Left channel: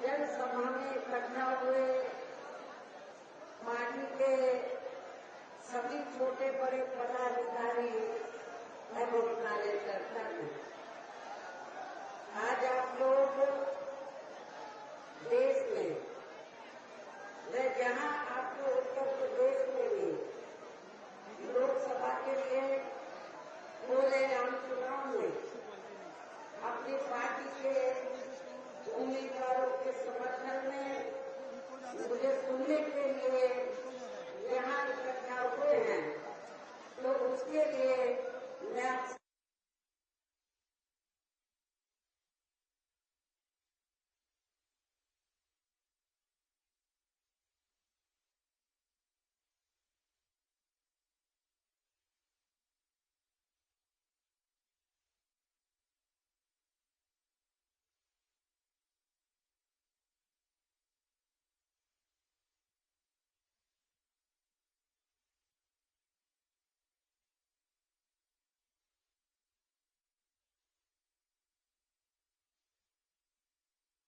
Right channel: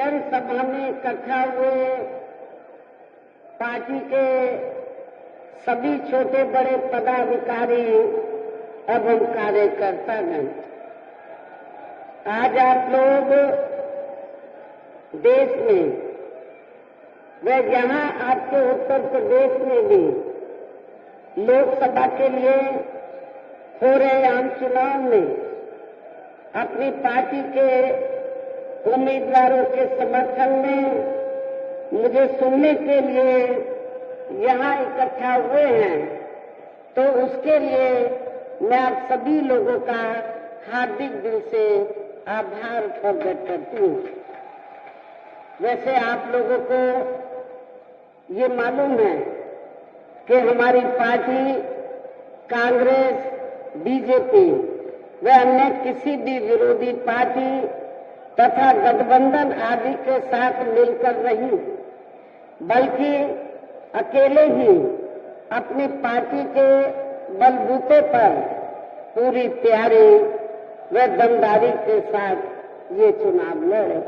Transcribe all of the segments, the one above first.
जन सभा में इकट्ठा हुए पार्टी के सभी छोटे बड़े पदाधिकारी एवं कार्यकर्तागण, आज आप लोग देश में व यहाँ आपके उत्तर प्रदेश में भी लोकसभा के लिए हो रहे आम चुनाव में अपनी पार्टी के उम्मीदवारों के समर्थन में मुझे सुनने के लिए यहाँ इकट्ठा हुए हैं, तो उसके लिए मैं आप सभी लोगों का हार्दिक दिल से आभार प्रकट करती हूँ। वैसे आप लोगों को ये मालूम है कि हमारी पार्टी कांग्रेस, बीजेपी व अन्य किसी भी विरोधी पार्टी तथा गठबंधन आदि के साथ मिलकर नहीं, बल्कि अकेले ही अपनी पार्टी के बलबूते पर पूरी तैयारी व दमदारी के साथ ये चुनाव लड़े।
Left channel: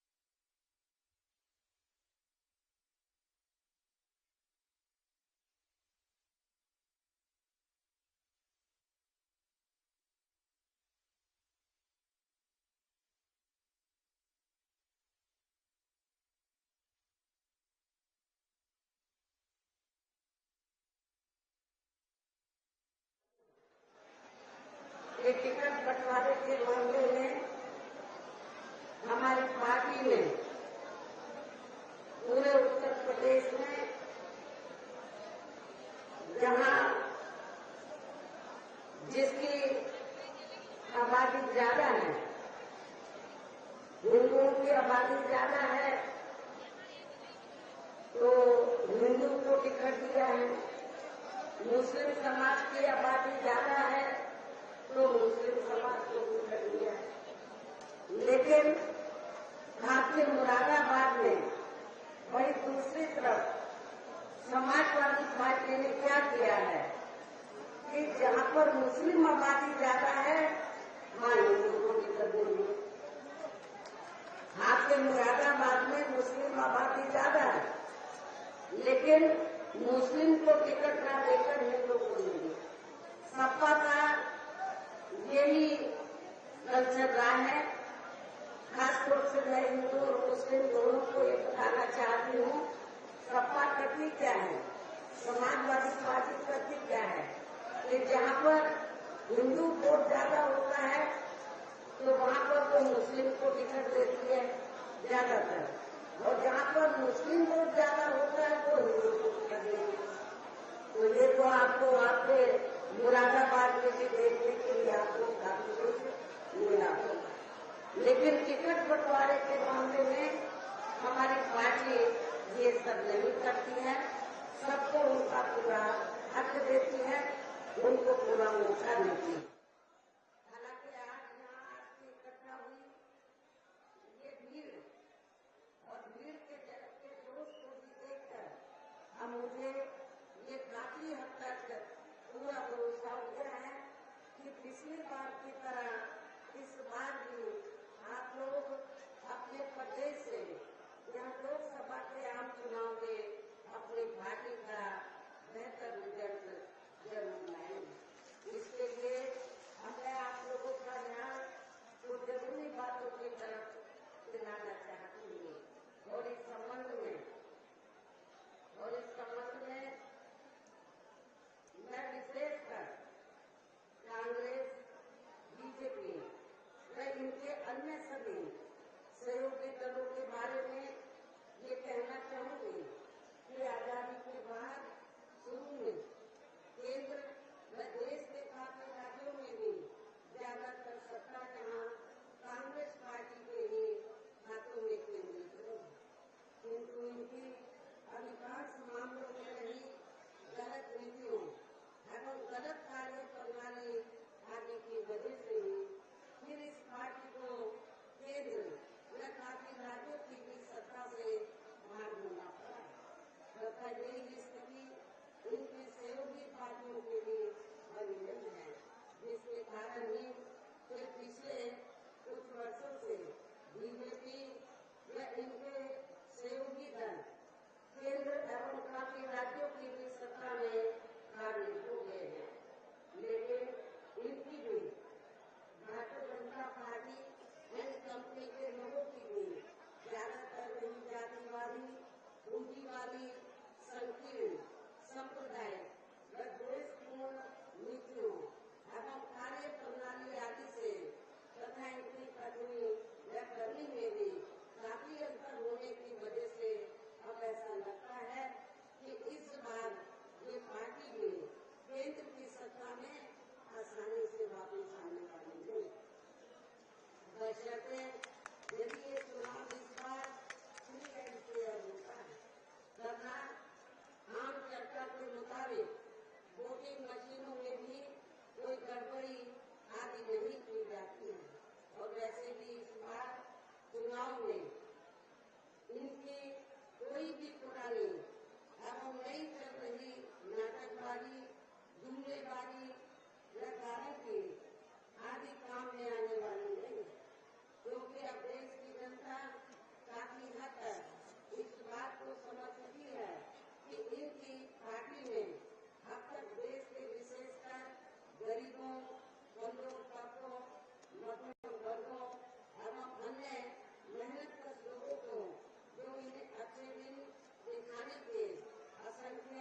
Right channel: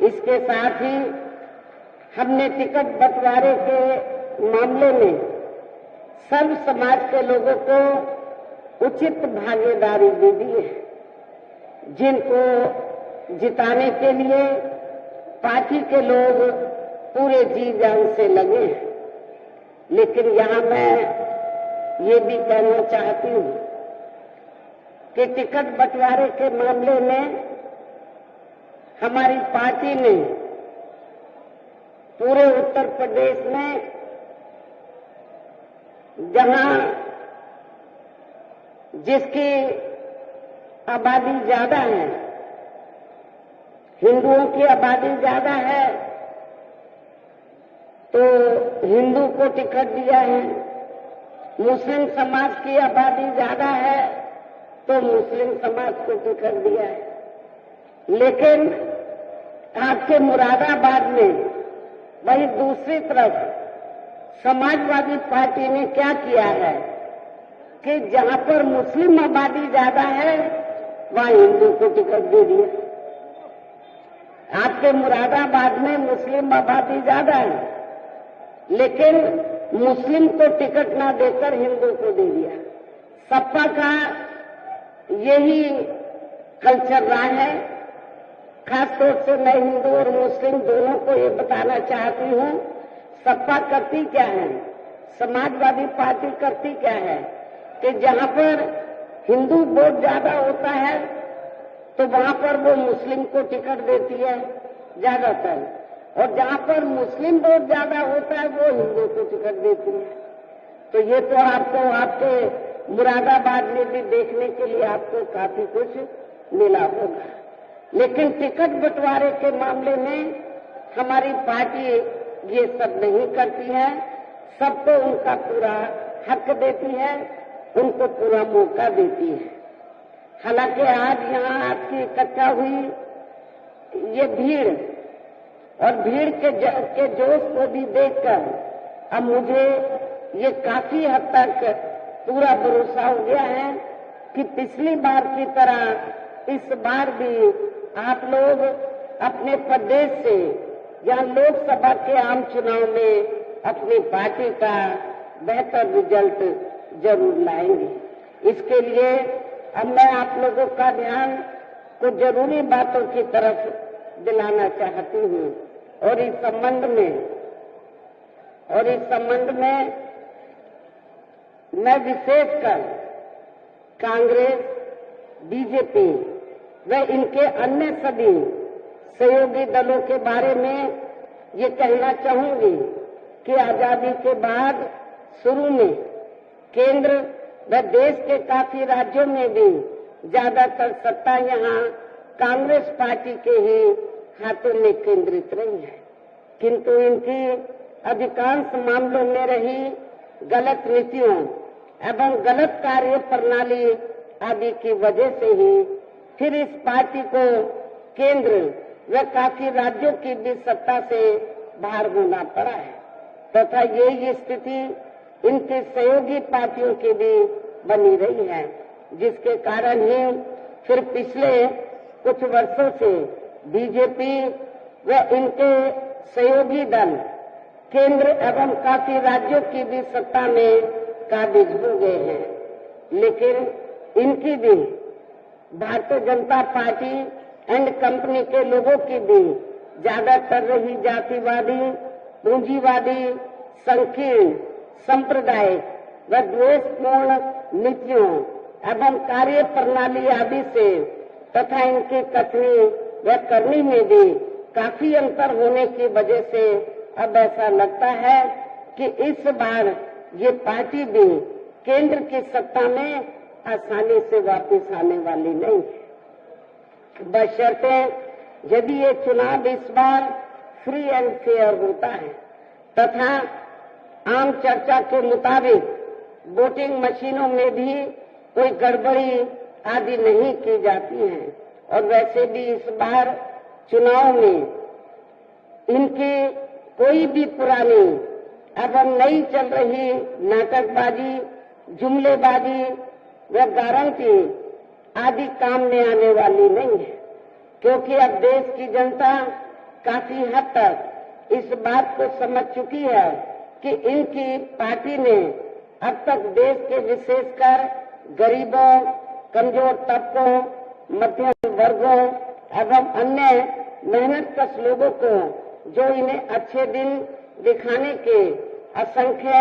इसके साथ ही हमने टिकट बंटवारे के मामले में सर्व समाज के लोगों को उचित भागीदारी दे दी है, जिनको जिताने के लिए पार्टी के लोग पूरे जी जान से लगे हैं। लेकिन यहाँ मैं ये भी कहना चाहती हूँ कि टिकट बंटवारे के मामले में हमारी पार्टी ने पूरे उत्तर प्रदेश में जहाँ जिसकी आबादी ज्यादा है, हिंदुओं की आबादी ज्यादा है, तो हिंदू को टिकट दिया है। मुस्लिम समाज की आबादी ज्यादा है तो मुस्लिम समाज को टिकट दिया है। लेकिन आपके मुरादाबाद में वही दूसरी तरफ समाजवादी पार्टी ने क्या किया है कि जहां पर मुस्लिम आबादी ज्यादा है वहां हिंदू को टिकट दे दिया। आपके मुरादाबाद में मुस्लिम आबादी ज्यादा है, लेकिन मुस्लिम को टिकट ना देकर हिंदू को दे दिया। सपा का यही कल्चर रहा है। खासतौर से मैं हिंदू और मुस्लिम दोनों को ये बताना चाहती हूँ, सपा करती क्या है, समाजवादी पार्टी करती क्या है कि जहाँ पर हिंदू वोट ज्यादा होता है तो वहाँ पर वो मुस्लिम को टिकट देती है ज्यादातर, और जहाँ पर मुस्लिम वोट ज्यादा होता है वो हिंदू को टिकट देती है। तो ये तो आपको आपके मुरादाबाद में भी देखने के लिए आपको काफी कुछ मिला होगा। लेकिन टिकट बंटवारे के मामले में हमारी पार्टी ये सब नहीं करती है। सबको उनका पूरा हक देती है, उनको पूरा मौका देती है। हालांकि आज यहाँ आपकी इकट्ठा हुई ये भीड़ और भीड़ के जोश को भी देखकर अब मुझे ये काफी हद तक पूरा भरोसा हो गया है कि पिछली बार की तरह इस बार भी आप लोग अपने प्रदेश से या लोकसभा के आम चुनाव में अपनी पार्टी का बेहतर रिजल्ट जरूर लाएंगे। इसके लिए अब मैं आप लोगों का ध्यान कुछ जरूरी बातों की तरफ दिलाना चाहती हूँ, और इस संबंध में मैं विशेषकर कांग्रेस, बीजेपी व इनके अन्य सभी सहयोगी दलों के बारे में ये कहना चाहूंगी कि आजादी के बाद शुरू में केंद्र व देश के काफी राज्यों में भी ज्यादातर सत्ता यहाँ कांग्रेस पार्टी के ही हाथों में केंद्रित रही है, किंतु इनकी अधिकांश मामलों में रही गलत नीतियों एवं गलत कार्य प्रणाली आदि की वजह से ही फिर इस पार्टी को केंद्र व काफी राज्यों की भी सत्ता से बाहर होना पड़ा है, तथा यही स्थिति इनकी सहयोगी पार्टियों की भी बनी रही है, जिसके कारण ही फिर पिछले कुछ वर्षों से बीजेपी व इनके सहयोगी दल केंद्र एवं काफी राज्यों की भी सत्ता में काबिज हो गए हैं, लेकिन इनकी भी Bharatiya Janata party and company के लोगों की भी ज्यादातर रही जातिवादी, पूंजीवादी, संकीर्ण, सांप्रदायिक व द्वेषपूर्ण नीतियों एवं कार्य प्रणाली आदि से तथा इनकी कथनी व करनी में भी काफी अंतर होने की वजह से अब ऐसा लगता है कि इस बार ये पार्टी भी केंद्र की सत्ता में आसानी से वापस आने वाली नहीं है, बशर्ते यदि ये चुनाव इस बार फ्री एंड फेयर होता है तथा आम चर्चा के मुताबिक वोटिंग मशीनों में भी कोई गड़बड़ी आदि नहीं की जाती है। और वैसे भी इस बार चुनाव में इनकी कोई भी पुरानी एवं नई चल रही नाटकबाजी, जुमलेबाजी व गारंटी आदि काम में आने वाली नहीं है, क्योंकि अब देश की जनता काफी हद तक इस बात को समझ चुकी है कि इनकी पार्टी ने अब तक देश के विशेषकर गरीबों, कमजोर तबकों, मध्यम वर्गों एवं अन्य मेहनतकश लोगों को जो इन्हें अच्छे दिन दिखाने के असंख्य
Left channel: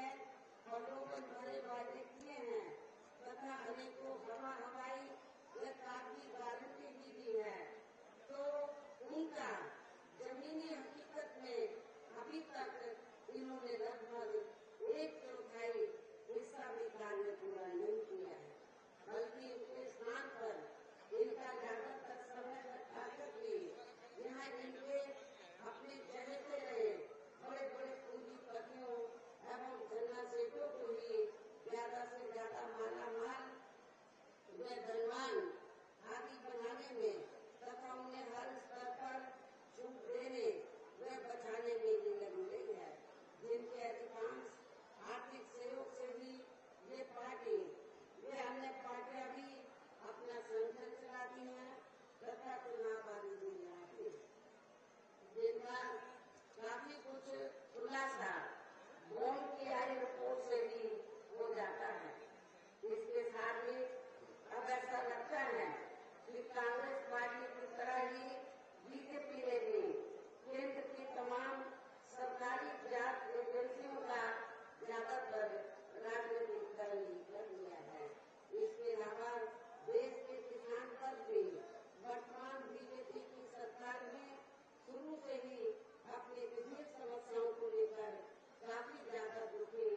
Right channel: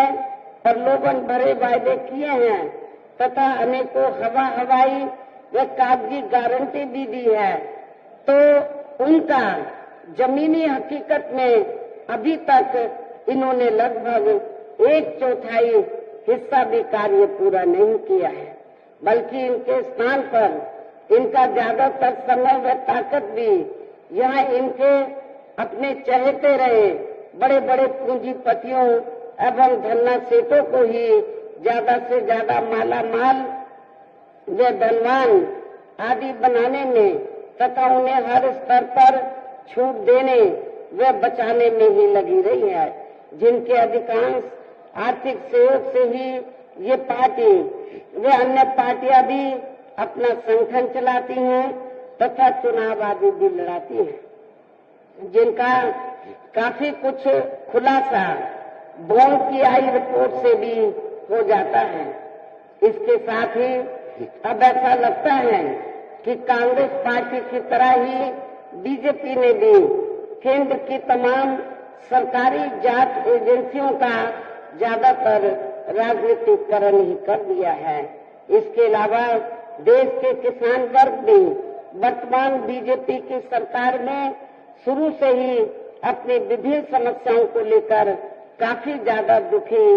प्रलोभन भरे वायदे किए हैं तथा अनेकों हवाई व कागजी गारंटी भी दी है, तो उनका जमीनी हकीकत में अभी तक इन्होंने लगभग 1/4 हिस्सा भी कार्य पूरा नहीं किया है, बल्कि इनके स्थान पर इनका ज्यादातर समय व ताकत भी यहाँ इनके अपने चहेते रहे बड़े बड़े पूंजीपतियों एवं धन्ना सेठों को ही ज्यादा से ज्यादा माला माल व धनवान आदि बनाने में तथा उन्हें हर स्तर पर छूट देने व बचाने में ही लगी रही है, जिनके अधिकांश आर्थिक सहयोग से ही ये पार्टी व अन्य पार्टियां भी अपना संगठन चलाती हैं तथा चुनाव आदि भी लड़ाती हैं, जिनका काफी कुछ खुलासा बॉन्ड की आई रिपोर्ट से भी हो जाता है। इसके साथ ही अब ऐसा लगता है कि कांग्रेस पार्टी की तरह ही बीजेपी ने भी केंद्र की तमाम सरकारी जांच एजेंसियों का ज्यादातर राजनीतिकरण ही कर दिया है। इसके अलावा देश के किसान वर्ग भी वर्तमान बीजेपी की सरकार में शुरू से ही अपनी विभिन्न समस्याओं को लेकर काफी ज्यादा दुखी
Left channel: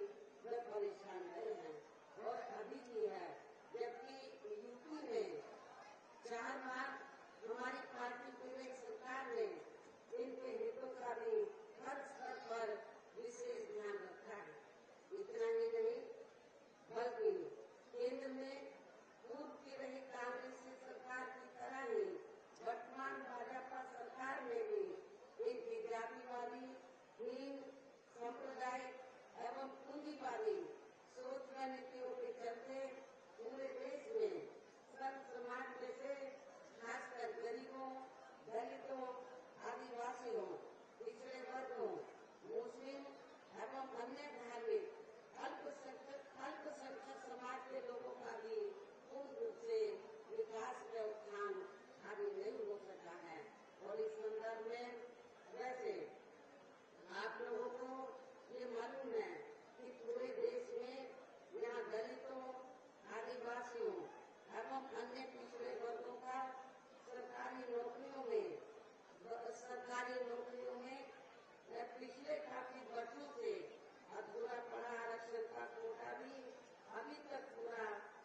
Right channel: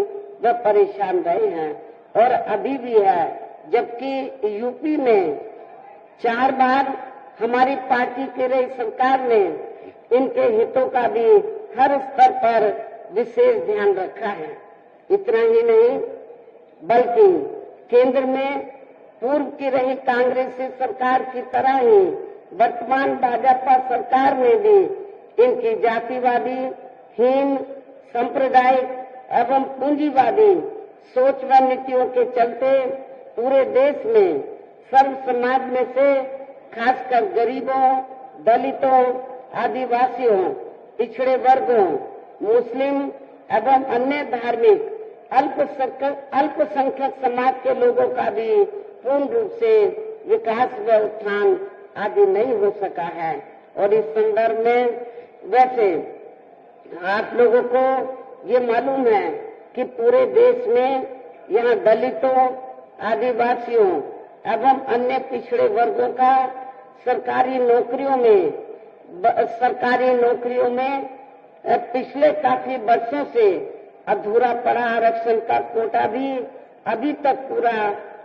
व परेशान रहे हैं और अभी भी है, जबकि यूपी में 4 बार हमारी पार्टी की रही सरकार ने इनके हितों का भी हर स्तर पर विशेष ध्यान रखा है। इतना ही नहीं बल्कि केंद्र में पूर्व की रही कांग्रेसी सरकार की तरह ही वर्तमान भाजपा सरकार ने भी इनकी जातिवादी, हीन, सांप्रदायिक एवं पूंजीवादी सोच व नीतियों के चलते पूरे देश में सर्व समाज में से खासकर गरीबों, दलितों, आदिवासियों, पिछड़े वर्गों, मुस्लिम एवं अन्य धार्मिक अल्पसंख्यक समाज के लोगों का भी पूर्ण रूप से विकास व उत्थान आदि नहीं हो सका है। और इस संदर्भ में वैसे आप लोगों को ये मालूम है कि पूरे देश में यहाँ दलितों, आदिवासियों एवं अन्य पिछड़े वर्गों का सरकारी नौकरियों में पिछले काफी वर्षों से अधूरा पड़ा आरक्षण का कोटा भी अभी तक पूरा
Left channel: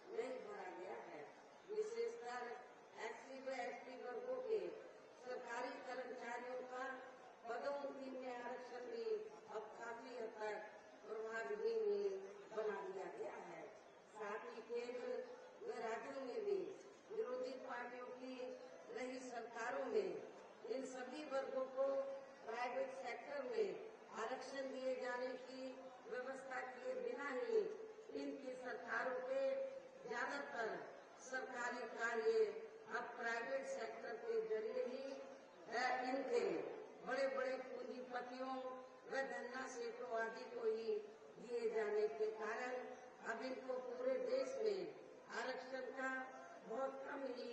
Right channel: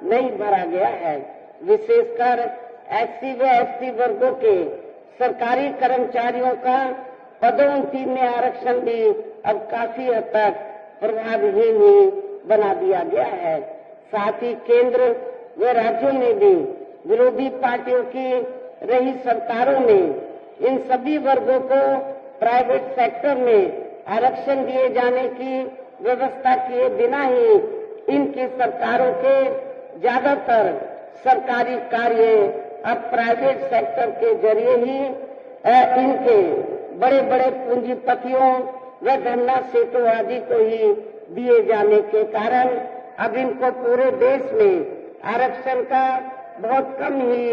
नहीं भरा गया है। विशेषकर एससी व एसटी वर्गों के सरकारी कर्मचारियों का पदोन्नति में आरक्षण भी अब काफी हद तक प्रभावहीन ही बना दिया गया है। साथ ही केंद्र व राज्यों में भी विरोधी पार्टियों की रही सरकारों ने इन सभी वर्गों को प्राइवेट सेक्टर में आरक्षण दिए जाने की व्यवस्था किए बिना ही इनकी सरकारों के ज्यादातर सरकारी कार्य अब प्राइवेट सेक्टर के जरिए ही इनके बड़े बड़े पूंजीपतियों व धन्ना सेठों आदि को ही दिए जाने के कारण अब इनको पूरे देश में आरक्षण का बहुत कम ही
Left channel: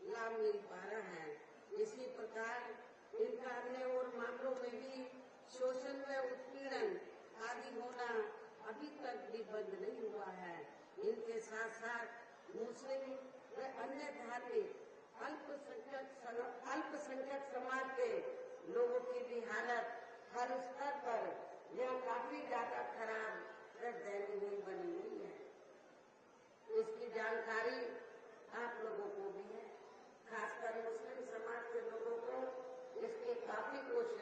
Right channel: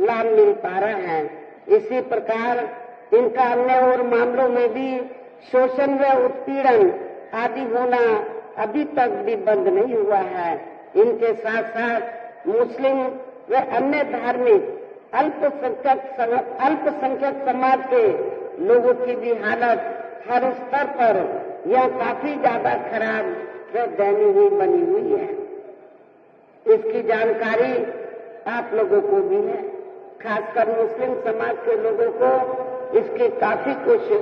लाभ मिल पा रहा है। इसी प्रकार इनका अन्य और मामलों में भी शोषण व उत्पीड़न आदि होना अभी तक भी बंद नहीं हुआ है। इनके साथ साथ मुस्लिम व अन्य धार्मिक अल्पसंख्यक समाज के लोगों की भी हालत हर स्तर पर यह काफी ज्यादा खराब व दयनीय बनी हुई है। इसकी जानकारी आप लोगों को भी है, खासकर मुस्लिम समाज के लोगों को इसकी काफी कुछ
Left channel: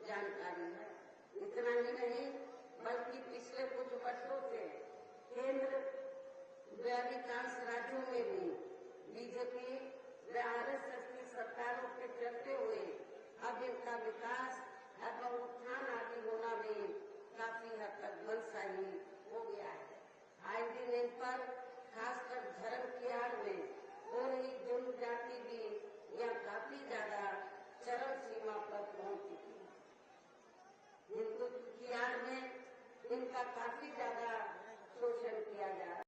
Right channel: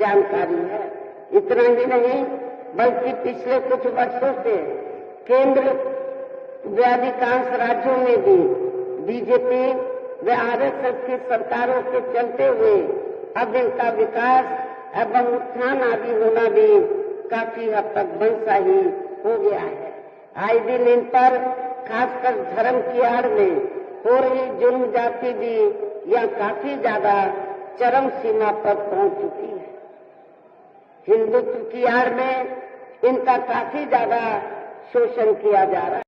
जानकारी है। इतना ही नहीं बल्कि पिछले कुछ वर्षों से केंद्र व अधिकांश राज्यों में भी बीजेपी व आरएसएस की सरकारों के चलते हुए अब इनका विकास एवं उत्थान आदि होना भी काफी हद तक बंशाही हो गया है। आए दिन इन पर खासकर धर्म की आड़ में हो रही जुर्म जाति भी यह काफी ज्यादा चरम सीमा पर पहुंच चुकी है। हिंदुत्व की आड़ में इनका काफी ज्यादा शोषण किया जा रहा है।